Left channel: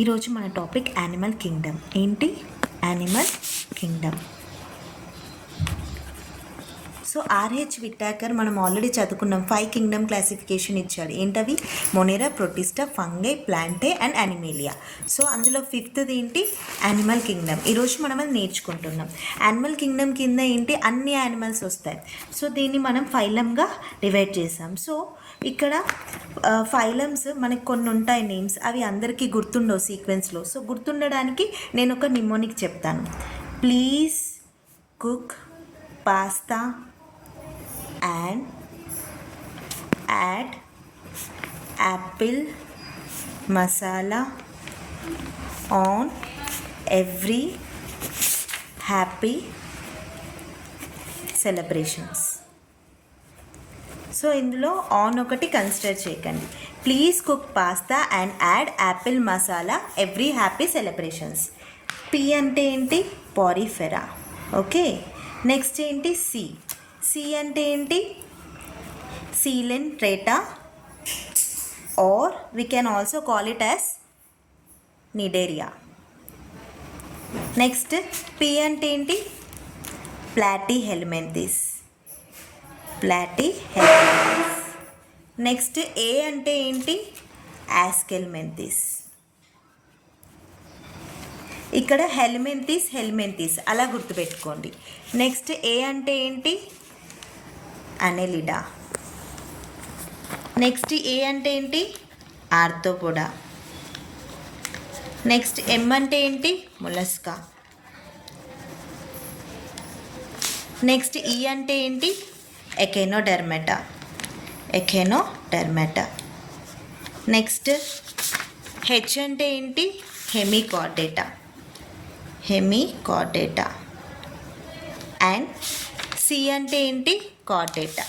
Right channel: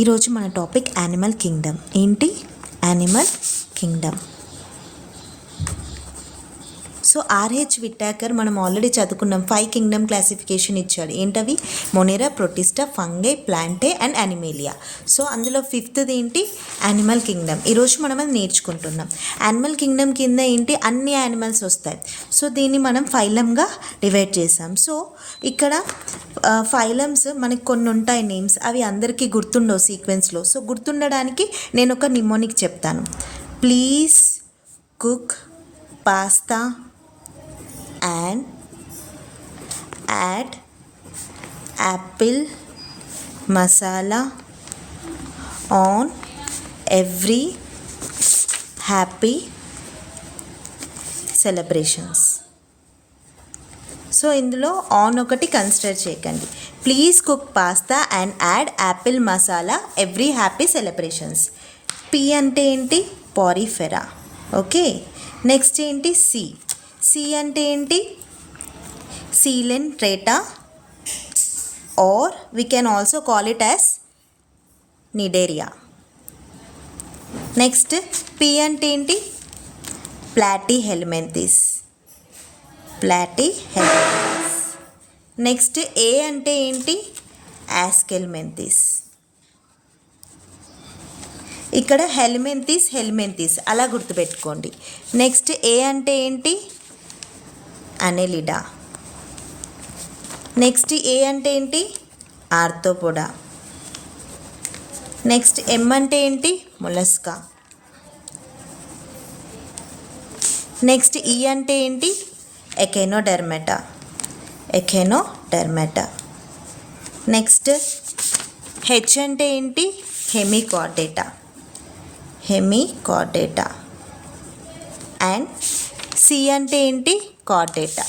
ఈరోజు మన topic animal Kingdom. ఏంటి యానిమల్ కింగ్డమ్? సో ఆర్హెచ్ విట్టాకర్ మనం ఆల్రెడీ చదువుకున్నాం. 5 కింగ్డమ్ క్లాసిఫికేషన్ ఇచ్చాడు. ఏంటవి? మొనేరా, Protista, fungi, ప్లాంటే and Animalia. So అందులో 5th ఏంటి? Animal Kingdom. ఈరోజు మనం అది నేర్చుకుంటున్నాం. యానిమల్ కింగ్డమ్ కింద ఏంటి? అన్ని యానిమల్స్ వస్తాయి. సో దీన్ని మనం ఫైలంగా డివైడ్ చేసాం. సో ఇక్కడ ఫైలమ్స్ మనకి కొన్ని ఉంటాయి నేమ్స్, అవి అందరికీ గుర్తుండవు సీక్వెన్స్లో. సో గుర్తుండడానికి నేను ఒక నిమోనిక్ చెప్తాను. Please cook pasta and add apple masala on every happy celebrations. So ఇందులో ఆన్ ఒకటి కన్సిడర్ చేయకండి. Please cook pasta and add apple masala every happy celebrations. P అంటే ఏంటి? పారిఫెరా. ఓకే, నెక్స్ట్ ఏంటి? సి అంటే ఏంటి? Coelenterata, or we can also call it as Cnidaria. Next P అంటే ఏంటి? ప్లాటిహెల్మింథిస్. నెక్స్ట్ ఏ అంటే ఏంటి? ఆస్కెల్మెంథిస్. ఇక్కడ హెల్మెంథిస్ అలా గుర్తుపెట్టుకోండి. నెక్స్ట్ ఏ అంటే ఏంటి? అనెలిడా. నెక్స్ట్ ఏ అంటే ఏంటి? ఆర్థోపోడా. నెక్స్ట్ ఎం అంటే ఏంటి? మొలస్కా. నెక్స్ట్ ఈ అంటే ఏంటి? ఎకెనోడెర్మేటా. నెక్స్ట్ హెచ్ అంటే ఏంటి? హెమికార్డేటా. అండ్ సి అంటే ఏంటి? కార్డేటా.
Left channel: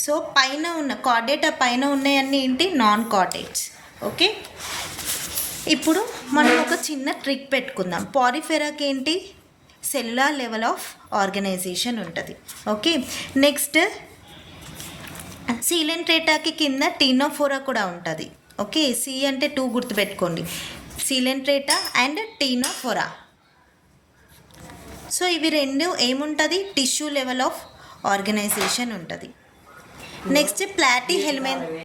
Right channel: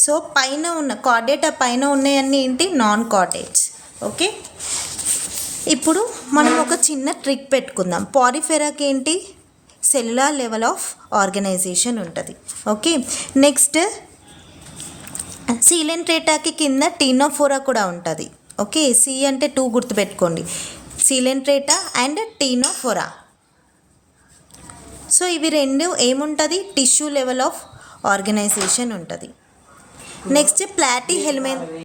సో పైన ఉన్న కార్డేటా పైన ఉన్నాయన్నీ ఏంటి? Non chordates. ఓకే, ఇప్పుడు మనం ఒక చిన్న ట్రిక్ పెట్టుకుందాం. పారిఫెరాకి ఏంటి? సెల్యులార్ లెవెల్ ఆఫ్ ఆర్గనైజేషన్ ఉంటుంది. ఓకే, నెక్స్ట్ సీలెంట్రేటాకి కింద టీనోఫోరా కూడా ఉంటుంది. ఓకే, సి అంటే 2 గుర్తుపెట్టుకోండి. సీలెంట్రేటా అండ్ టీనోఫోరా. సో ఇవి రెండు ఏముంటుంది? టిష్యూ లెవెల్ ఆఫ్ ఆర్గనైజేషన్ ఉంటుంది. నెక్స్ట్ ప్లాటిహెల్మింథిస్